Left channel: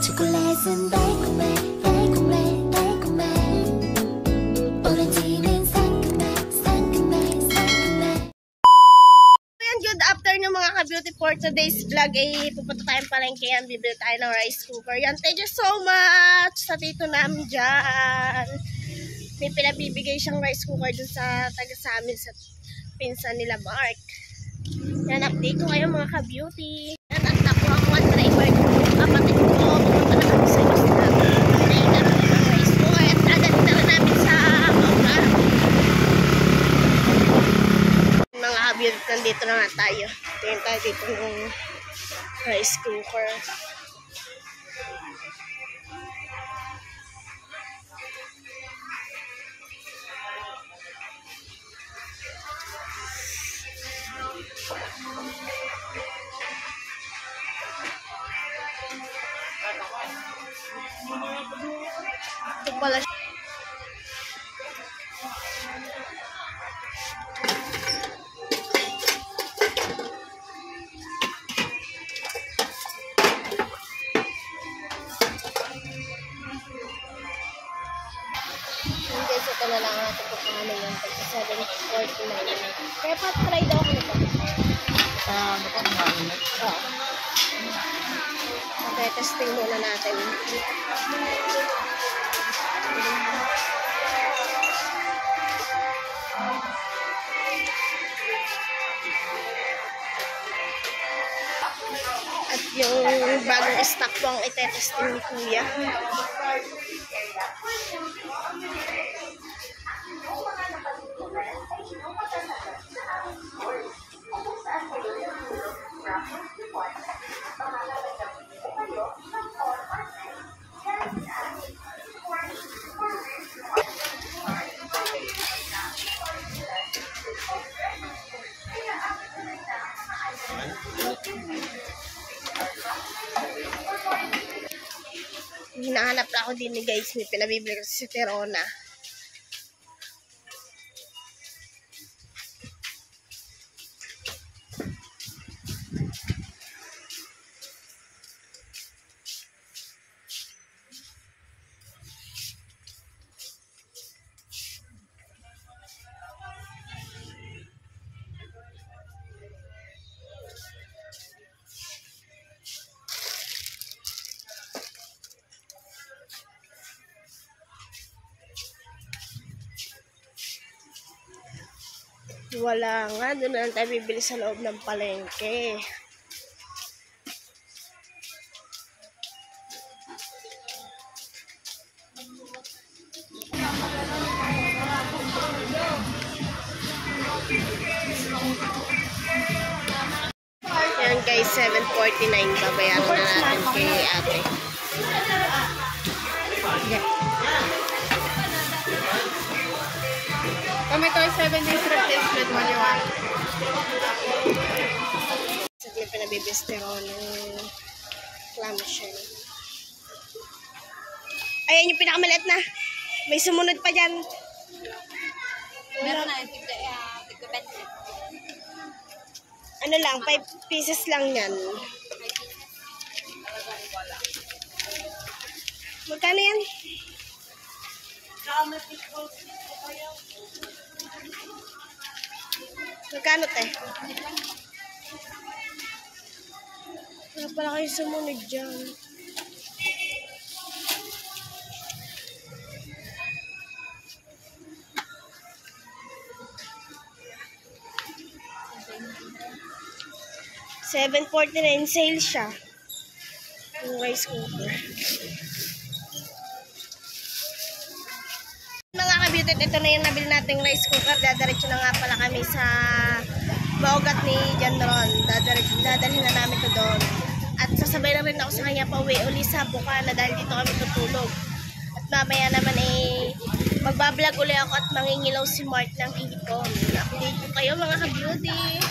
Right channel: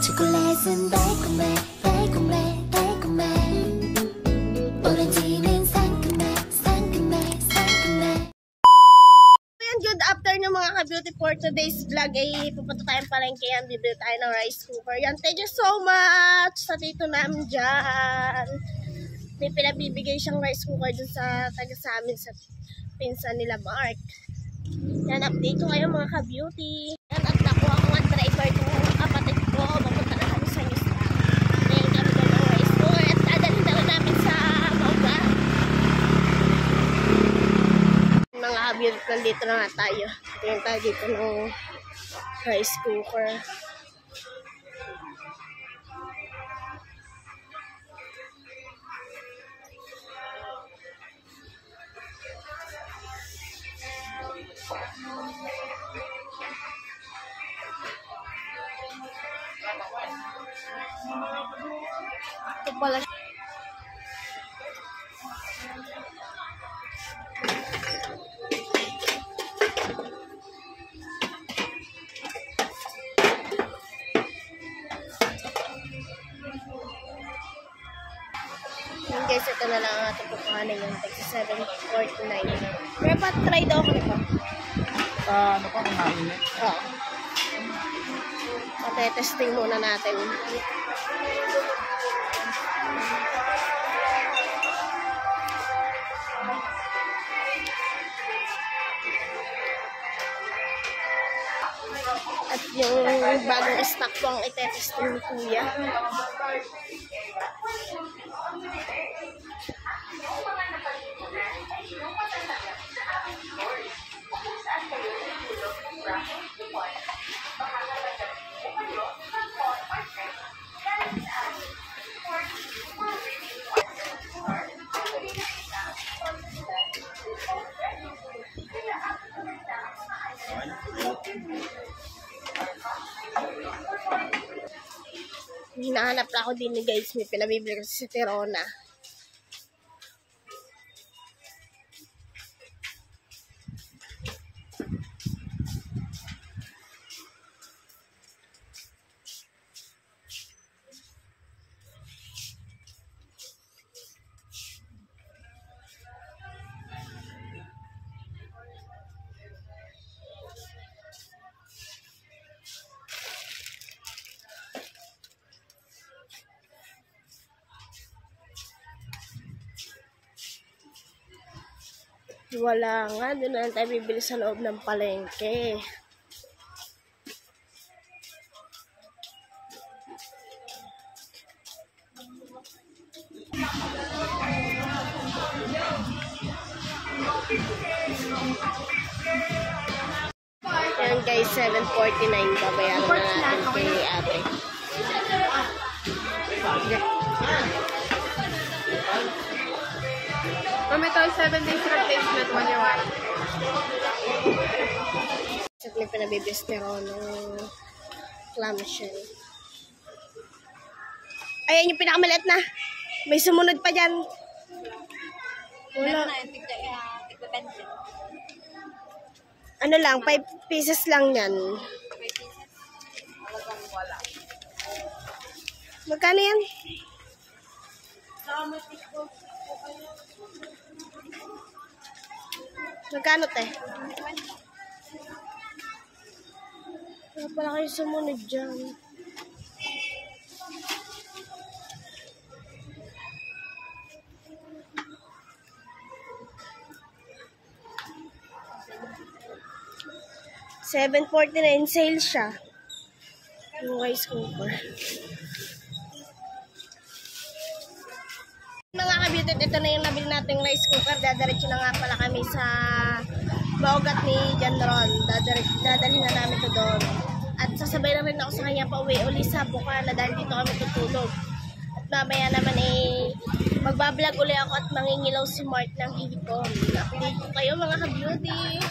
초콜릿은 달콤해 달콤해 달콤해 오렌지는 상큼해 상큼해 상큼해. Ayan, good afternoon mga ka-beauty. For today's vlog ay pupunta tayong palengke yan. Bibili tayo ng rice cooker. Yan, thank you so much sa tito namin dyan. May pinabibigay siyang rice cooker dun sa taga sa amin sa pinsan nila Mark. Yan, update ko kayo mga ka-beauty. Yan, at nakuha ko ang driver ko. Kapatid ko, pupunta na kami sa Isla. Naingat ko ng rice cooker at dadalhin na namin sa Mauga. Mga ka-beauty, nandito na nga tayo. Tingin tayo dito ng rice cooker. Ito pala siya. Guys, ito na lang ang ating pupuntahan yung 749. Kaya pa try daw ako nito. Oo. Okay, testing muna natin. At yung bagong stock po ang itetesting ni Kuya. Hinahanap na ako din ni guys, may pinabibili kasi si Terona. Wala nga, doon na lang tayo bibili sa loob ng palengke. Yan guys, 749 babayaran na natin kay ate. Yeah. Kami ito ay 7 days replacement money. Saglit pa nabibistero ng clamshell. Ayan yung pinakamaliit na. May sumunod pa dyan. Meron na yung tigda 20. Ano lang, 5 pieces lang yan. 5 pieces? Talagang wala. Magkano yan? Magkano te? Wala pala kayo sumunod dyan. $7.49 sale siya. Yung rice cooker. Mga ka-beauty, ito na yung nabili nating rice cooker. Dadaretso na nga pala kami sa Maugat ni John Ron. Dadalhin na namin ito doon. At sasabay na rin ako sa kanya pa uwi uli sa Bukana dahil dito kami tutulog. At mamaya naman magbablog uli ako at mangingilaw si Mark ng hipon. Update ko kayo mga ka-beauty.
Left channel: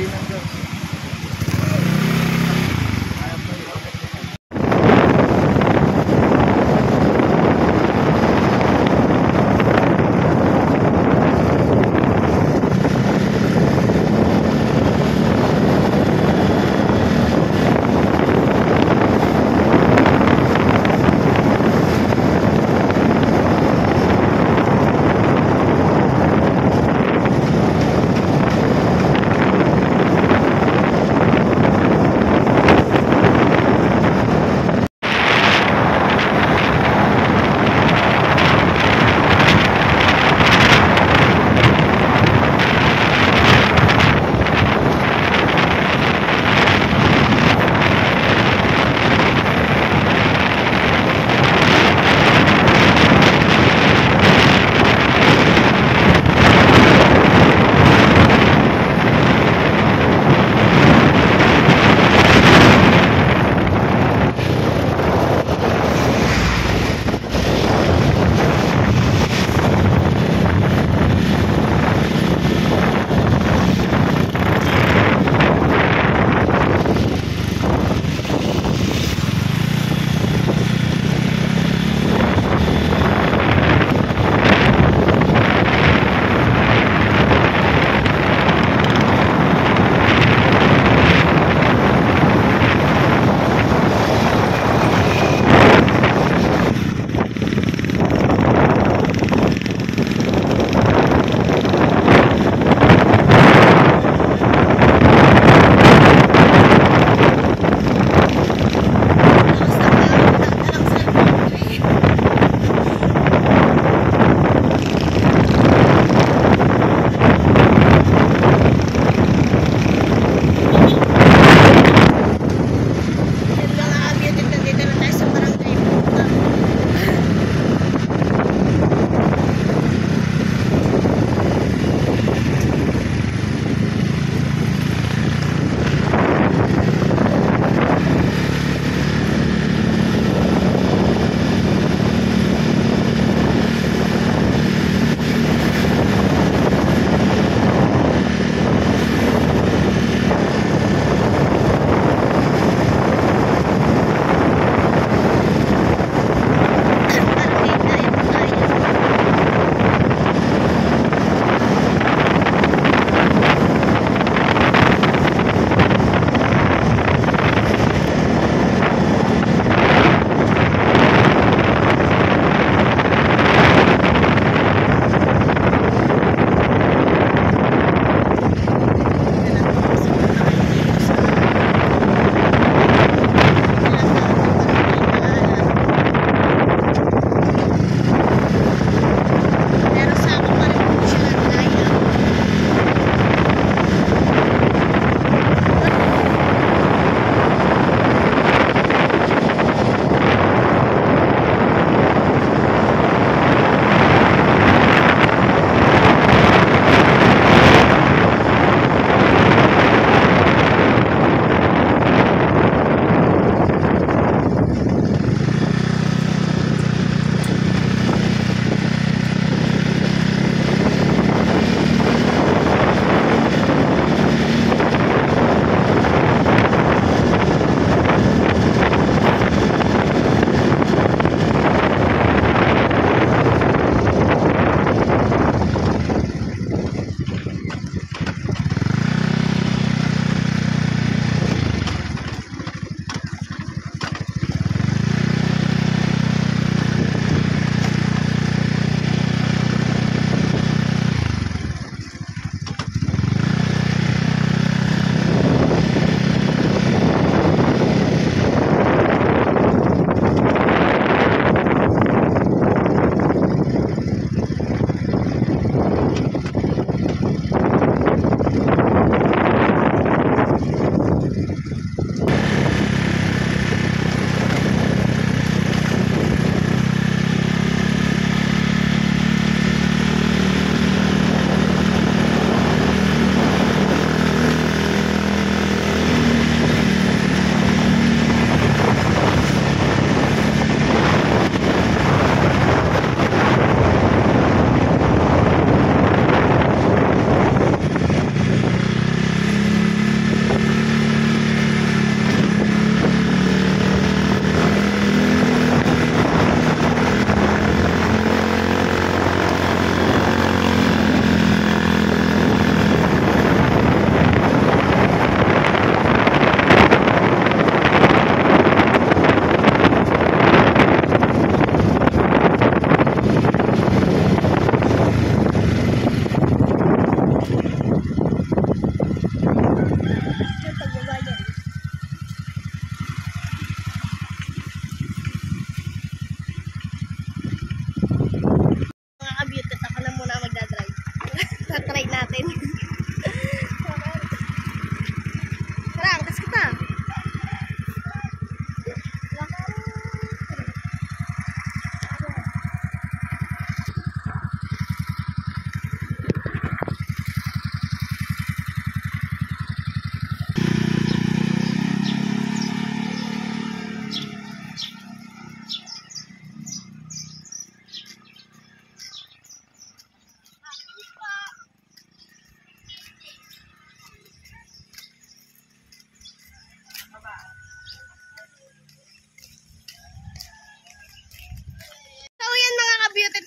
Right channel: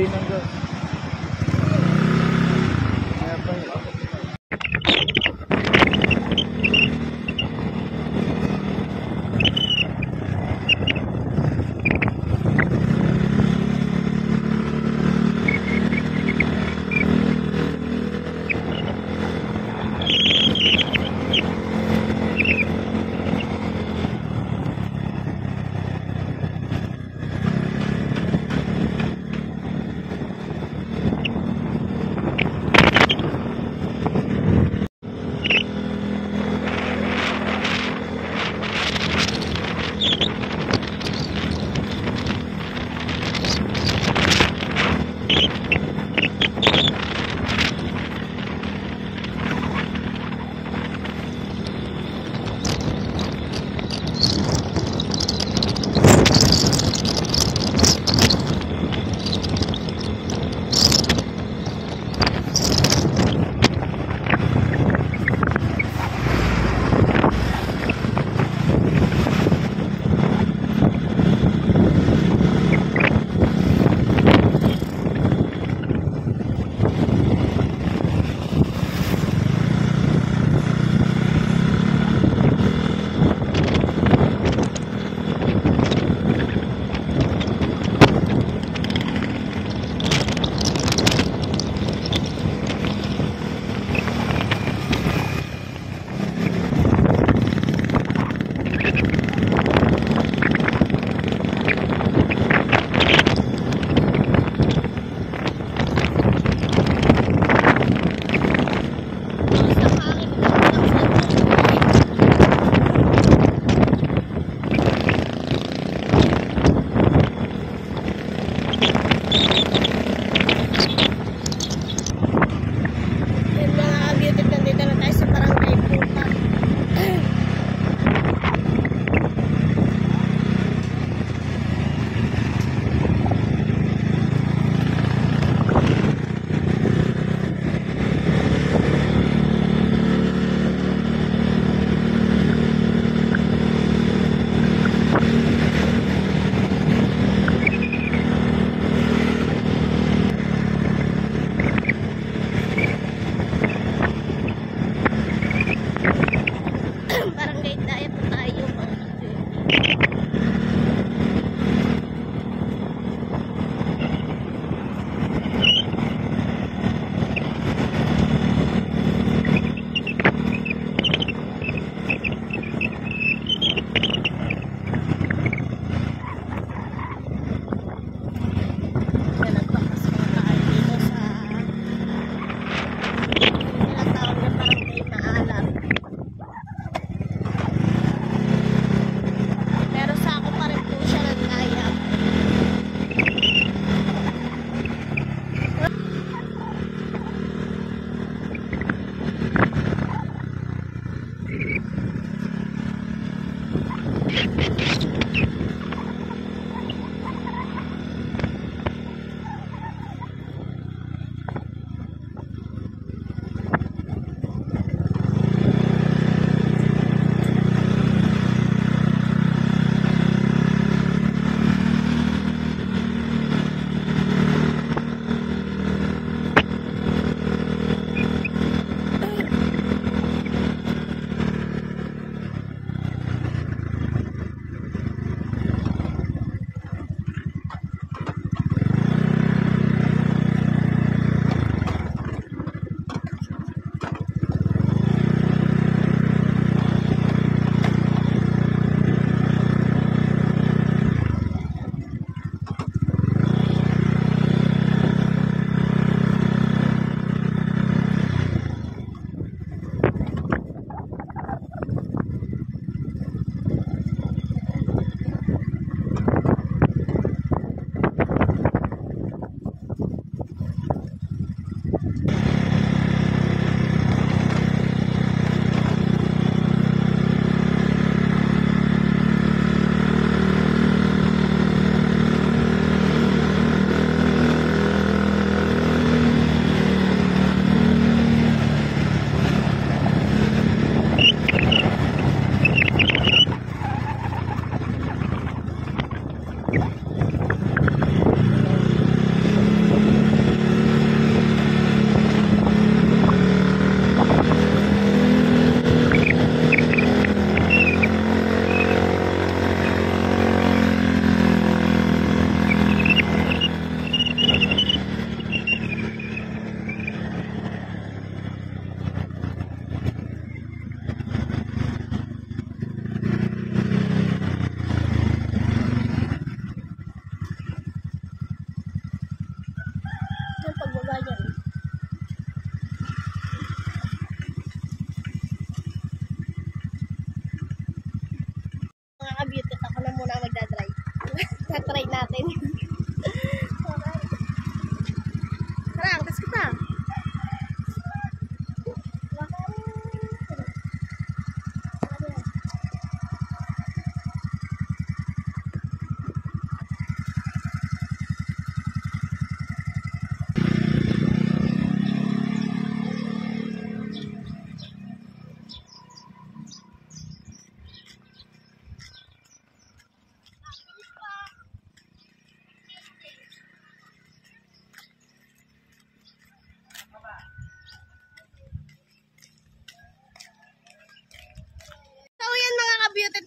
din ng Diyos.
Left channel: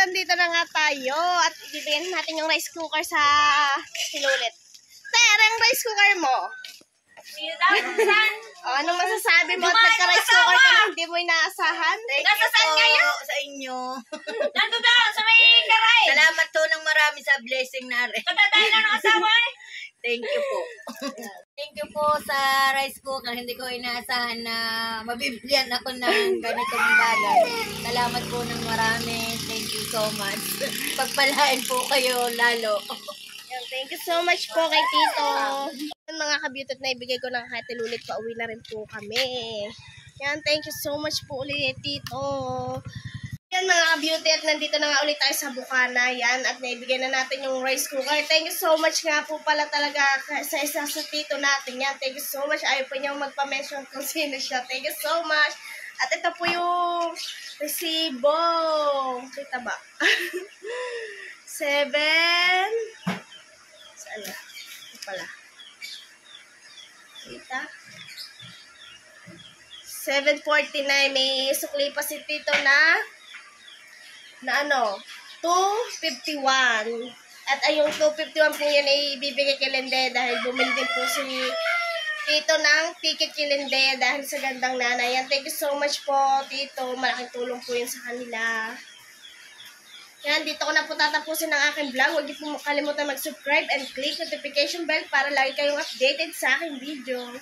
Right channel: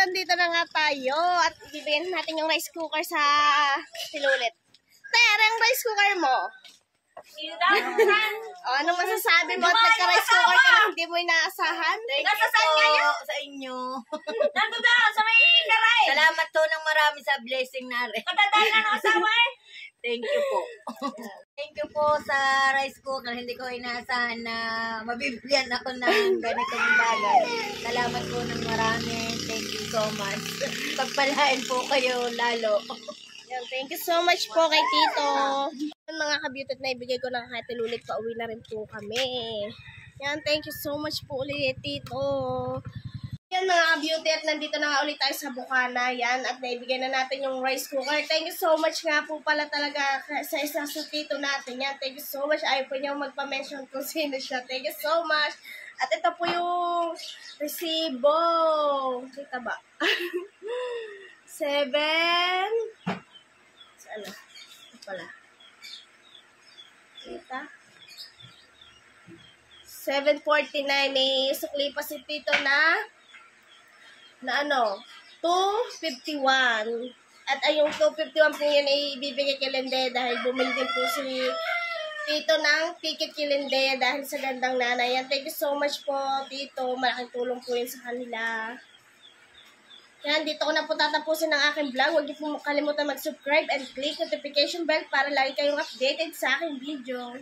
andito na nga tayo at ibibigyan natin yung rice cooker sa Tilulit. Ter, ang rice cooker mo? Anong masasabi mo at nagka-rice cooker ka na hindi mo inaasahan? Thank you po sa inyo. Salamat po ng marami sa blessing na rin. Thank you po. Thank you po sa rice cooker. Hindi ko inaasahan na mabibigyan ako ng ganitong bagay. Salamat po ng marami. Thank you so much. Pagpalain po kayo lalo. Yan, thank you so much po kay Tito. Yan, mga ka-beauty na ibigay ko na kay Tilulit, pauwi na rin po kami. Yan, thank you so much po ulit, Tito. Yan mga ka-beauty at nandito na nga ulit tayo sa Bukana. Yan, at naibigay na natin yung rice cooker. Thank you so much nga po pala talaga sa isa sa Tito natin. Yan, thank you so much. Ayaw po niyang magpa-mention kung sino siya. Thank you so much. At ito po yung resibo. Kita ba? 7. Saan na? Ito pala. Kita? 7.49. May sukli pa si Tito na ano, 2.51. At ay yung 2.51 po yun ay ibibigay kay Lende dahil bumili din po si Tito ng ticket kay Lende dahil sa gandang nanay. Yan, thank you so much po, Tito. Malaking tulong po yun sa kanila. Yan, dito ko na po tatapusin ang aking vlog. Huwag niyo po kalimutan mag-subscribe and click notification bell para lagi kayong updated sa aking video.